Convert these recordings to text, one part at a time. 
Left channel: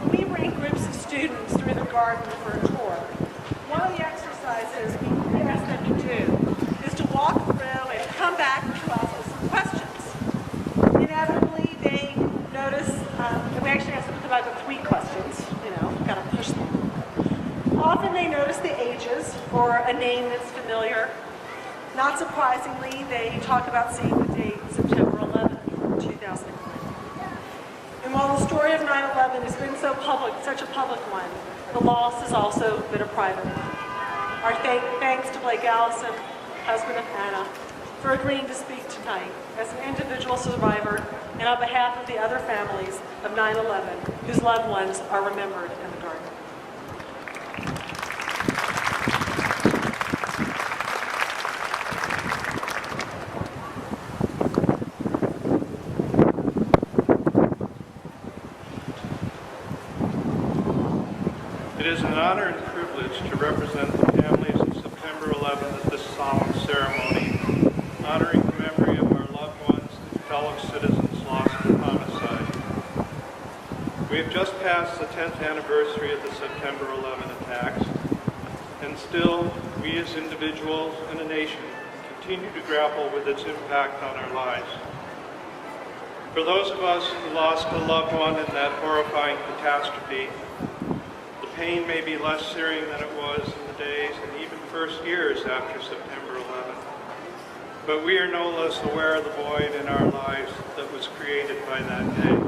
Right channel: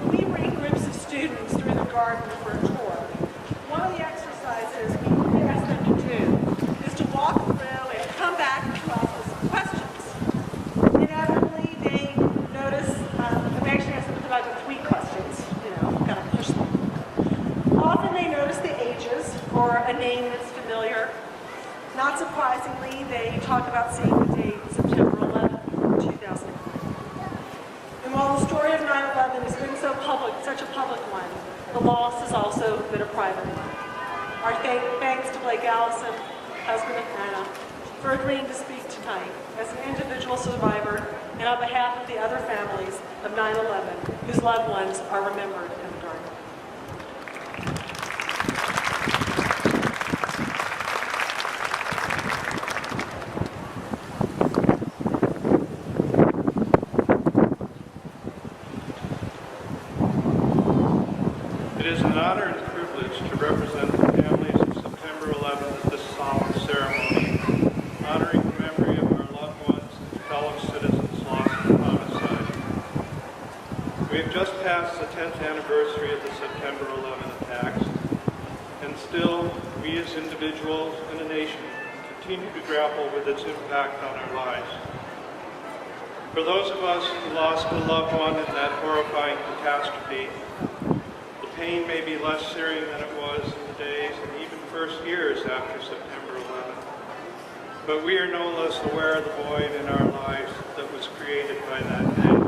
When we bring groups of students through the garden for a tour, one of the exercises we ask them to do is to walk through and come back to us with some questions. Inevitably, they notice, and we actually ask them to come back with 3 questions, kind of push them a little bit. Often they notice the ages or a name that's familiar. Not surprisingly, they talk about seeing the date September 11th, 2001. And while the story of 9/11 has been so public, such a public one, the loss has also been a private one. Our thanks to Blake Allison, husband of Anna, for agreeing to speak tonight as an individual survivor and on behalf of the other families of 9/11 whose loved ones are remembered in the garden. It is an honor and privilege to represent the families of September 11th at this solemn ceremony, honoring the memory of our loved ones and fellow citizens lost in homicide. We have just passed the 10th anniversary of the September 11 attacks, and still, we as individuals and a nation continue to grapple with its impact on our lives. For those of us who lost a loved one in that horrifying catastrophe, the pain may be less searing than it was in the days and even first years after September 11. But we are no less aware of the void in our lives that was created by that day.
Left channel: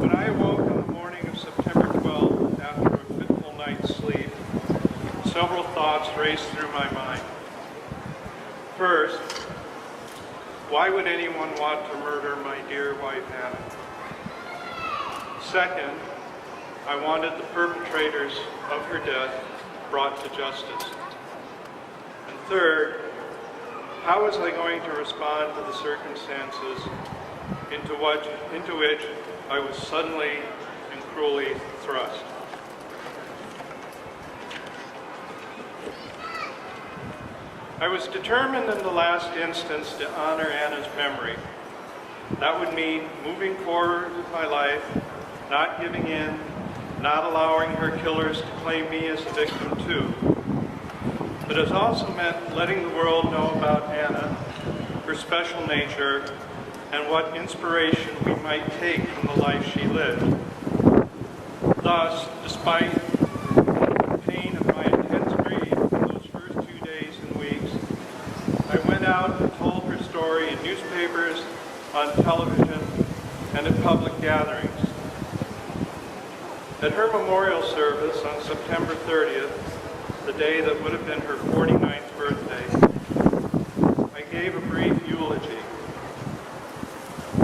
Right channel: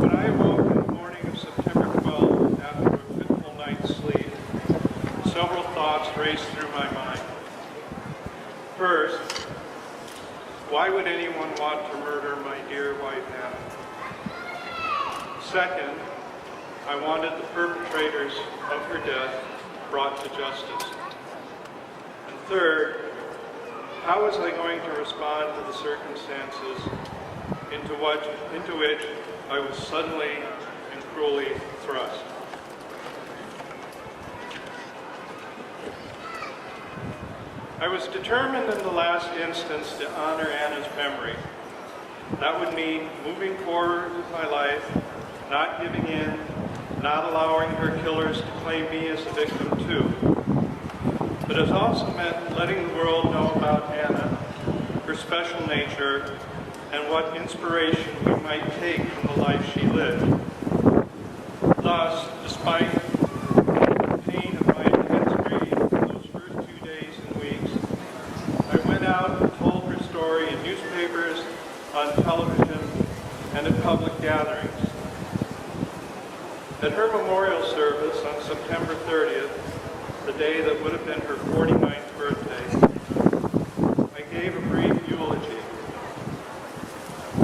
When I awoke on the morning of September 12th after a fitful night's sleep, several thoughts raced through my mind. First, why would anyone want to murder my dear wife, Anna? Second, I wanted the perpetrators of her death brought to justice. And third, how was I going to respond to the circumstances into which I was suddenly and cruelly thrust? I was determined in the last instance to honor Anna's memory. That would mean moving forward with my life, not giving in, not allowing her killers to claim me as a victim too. But it also meant letting the world know about Anna, her special nature, and what inspiration we might take from the life she lived. Thus, despite the pain of my intense grief in those first 2 days and weeks, I went out and told her story in newspapers, on television, and at public gatherings. At her memorial service on September 30th, the day that would have been her 49th birthday, I gave a brief eulogy.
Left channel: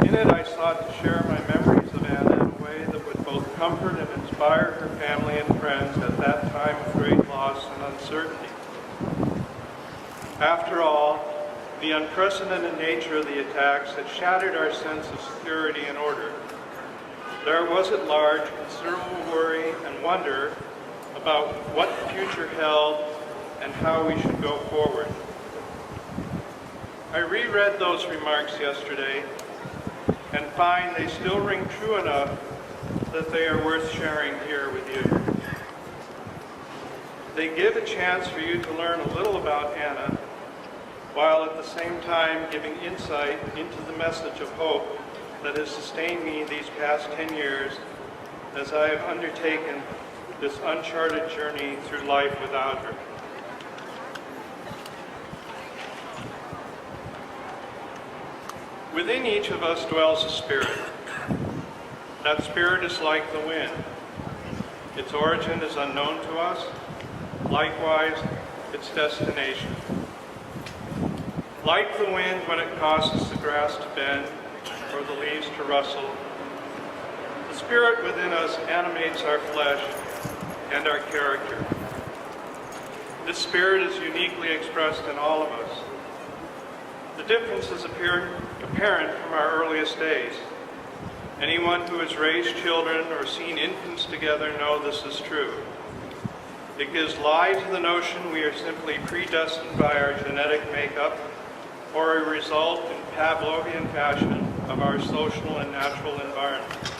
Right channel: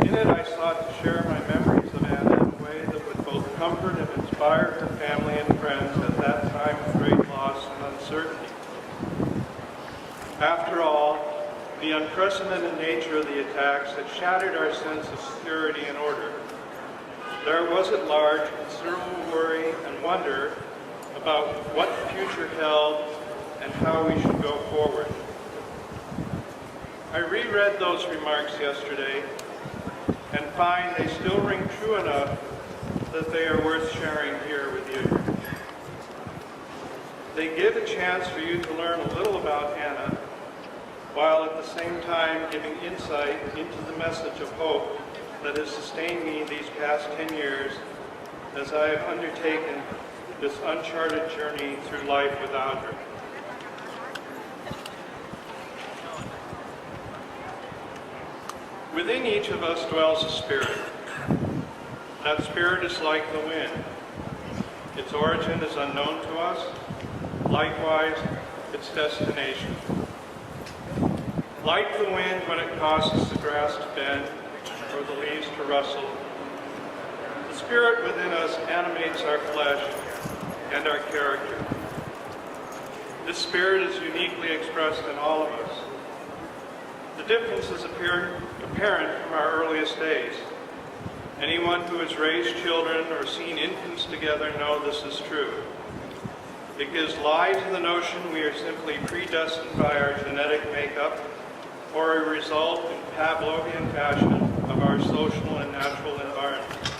In it, I sought to share my memories of Anna in a way that would both comfort and inspire her family and friends at that time of great loss and uncertainty. After all, the unprecedented nature of the attacks had shattered our sense of security and order. There was at large considerable worry and wonder about what the future held and how we should go forward. I reread those remarks yesterday and find they still ring true enough that they are worth sharing here with you. They give a chance for you to learn a little about Anna, while at the same time giving insight into the message of hope that has sustained me these past 10 years as I have undertaken this uncharted journey through life without her. Within each of us dwells a spirit. That spirit is like the wind. Its origin is unknown to us, likewise its destination. Like the wind when it causes the grass to bend or the leaves to rustle, the spirit within us animates our flesh and our character. This spirit is uniquely expressed in all of us. The difference is apparent from our earliest days. Anyone who has raised children or seen infants together know this is true. It gives lie to the notion we are simply predestined by our genetic makeup or a result in Pavlovian fashion of our social and natural environment.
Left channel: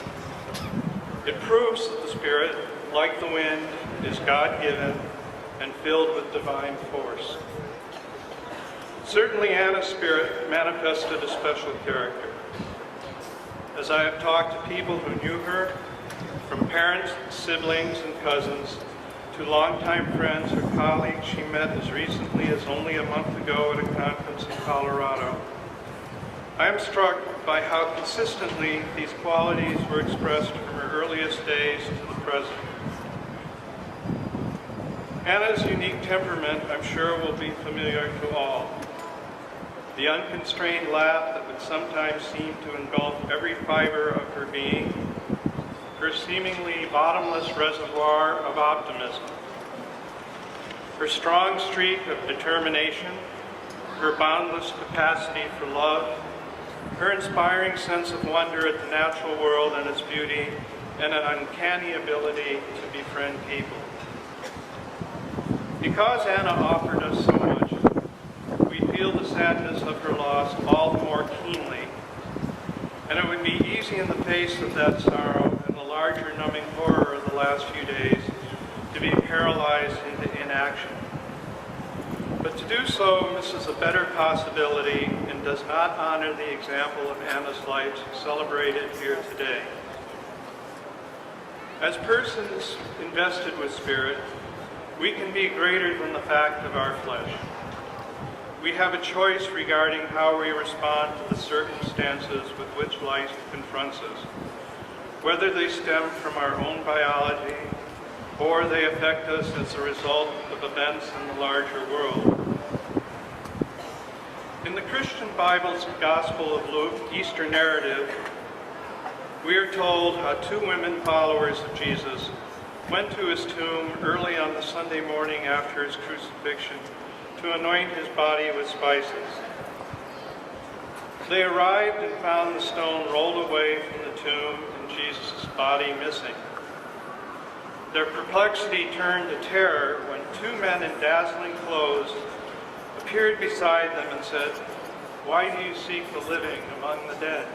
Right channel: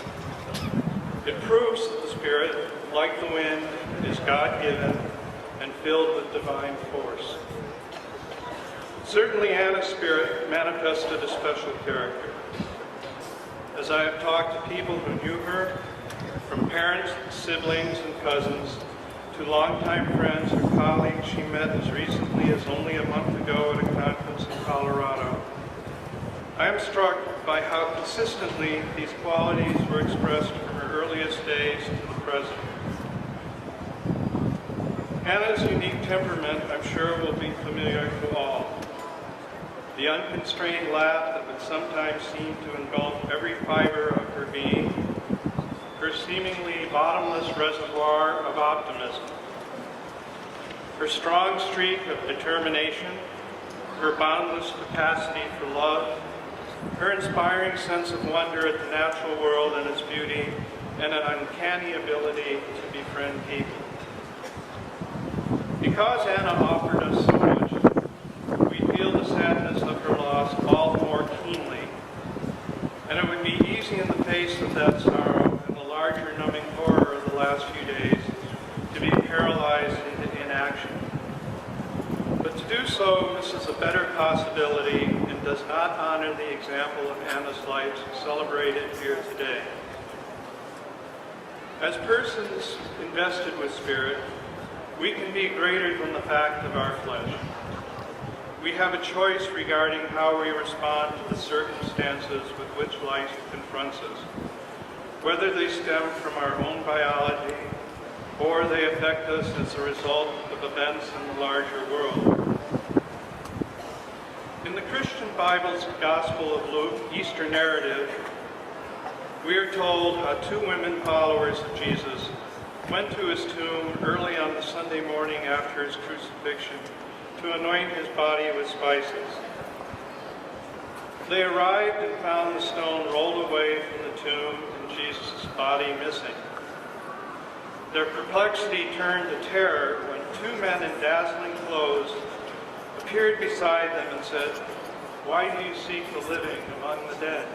It proves that the Spirit, like the wind, is God-given and filled with divine force. Certainly Anna's spirit manifested a special character. As I have talked to people who knew her, from parents, siblings, and cousins, to longtime friends or colleagues she met as recently as only a month ago at a conference in Colorado, I am struck by how consistently these qualities were expressed from her earliest days to the present. Anna's unique temperament, I'm sure, will be familiar to all. The unconstrained laugh that would sometimes seem to engulf every fiber of her being, her seemingly bottomless reservoir of optimism, her strong streak of determination, her boundless capacity for love, her inspiring sense of wonder at the natural world and its beauty, and an uncanny ability to befriend people. Because Anna offered us so much, we feel the sadness of her loss all the more keenly, and it would be easy in the face of that sorrow and the larger numbing horror of the last few days to be paralyzed into inaction. But to do so misses a better possibility and does not honor the example of Anna's life celebrated here today. As persons invested with Spirit, we can be greater than the fact of our flesh. We have a choice regarding how we respond to the circumstances with which life confronts us, whether they stem from our own biology or they affect us as a result of events in the larger world. In the Christian Bible's Gospel of Luke Easter narrative, we are told how two women followers of Jesus went to his tomb early on the Sunday morning after his crucifixion to anoint his body with spices. They arrived and found the stone rolled away from the tomb and Jesus' body missing. Their perplexity turned to terror when two men in dazzling clothes appeared beside them and said, "Why do you seek the living among the dead?"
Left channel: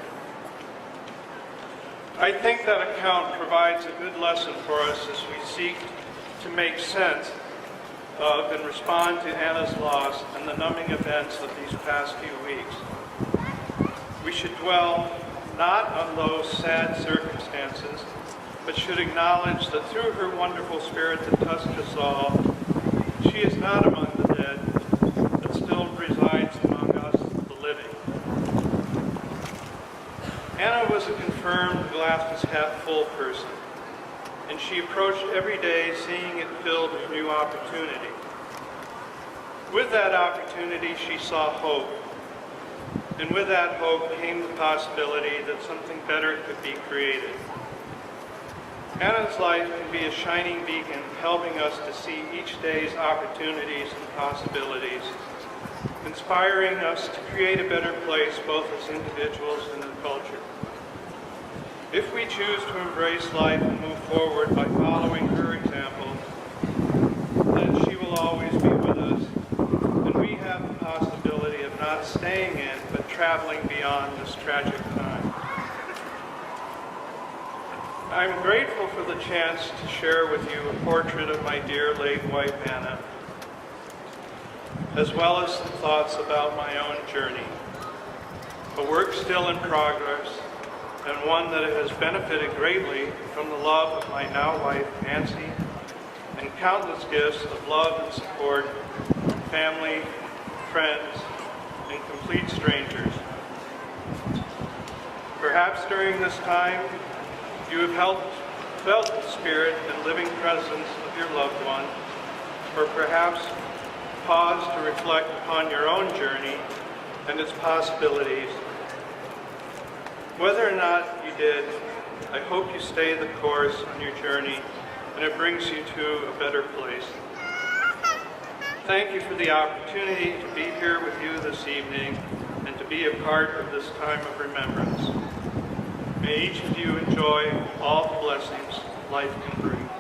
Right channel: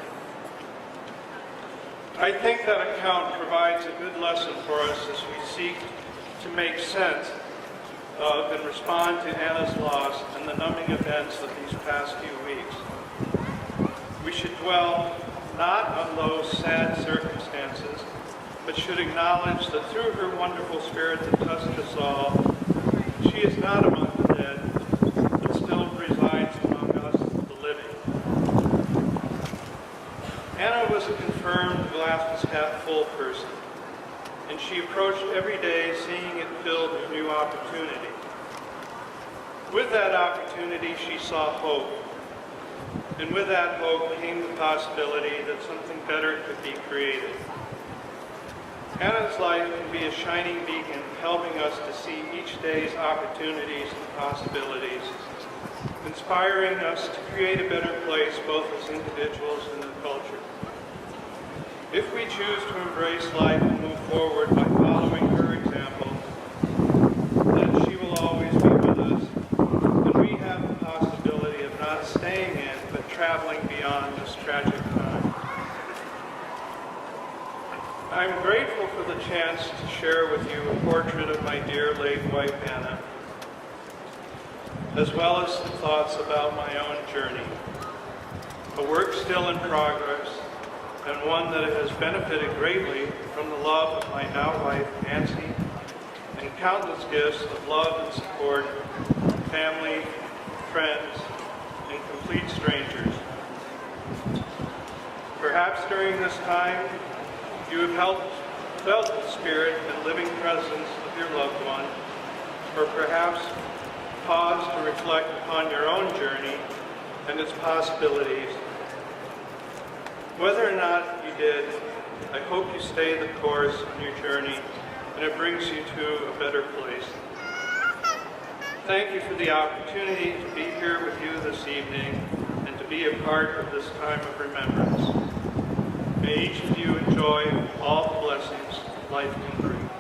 I think that account provides a good lesson for us as we seek to make sense of and respond to Anna's loss and the numbing events of these past few weeks. We should dwell not on those sad circumstances, but should acknowledge that through her wonderful Spirit that touched us all, she is not among the dead, but still resides among us, the living. Anna was a confirmed glass-half-full person, and she approached every day seeing it filled with new opportunity. With that opportunity, she saw hope, and with that hope came the possibility that something better could be created. Anna's life can be a shining beacon, helping us to see each day's opportunities and possibilities, inspiring us to create a better place both as individuals and in culture. If we choose to embrace life and move forward by following her example, then she will always be with us, and we have the possibility of not staying in, but traveling beyond this tragic time. I'm grateful for the chance to share with you a portrait of my dear late wife, Anna, as well as some thoughts about my own journey, a work still in progress, and one that has benefited greatly from the love of my now wife, Nancy, and countless gifts of love and support from family, friends, and complete strangers. Perhaps during this time, you have felt the spirit and living presence of your loved one, or perhaps pause to reflect upon your own journey and its possibilities. Whether or not you did, I hope you stay the course on your journey and it brings you to a better place. Thank you for the opportunity to be here with you this evening and to be a part of this time of remembrance. May each of you enjoy all the blessings life can bring.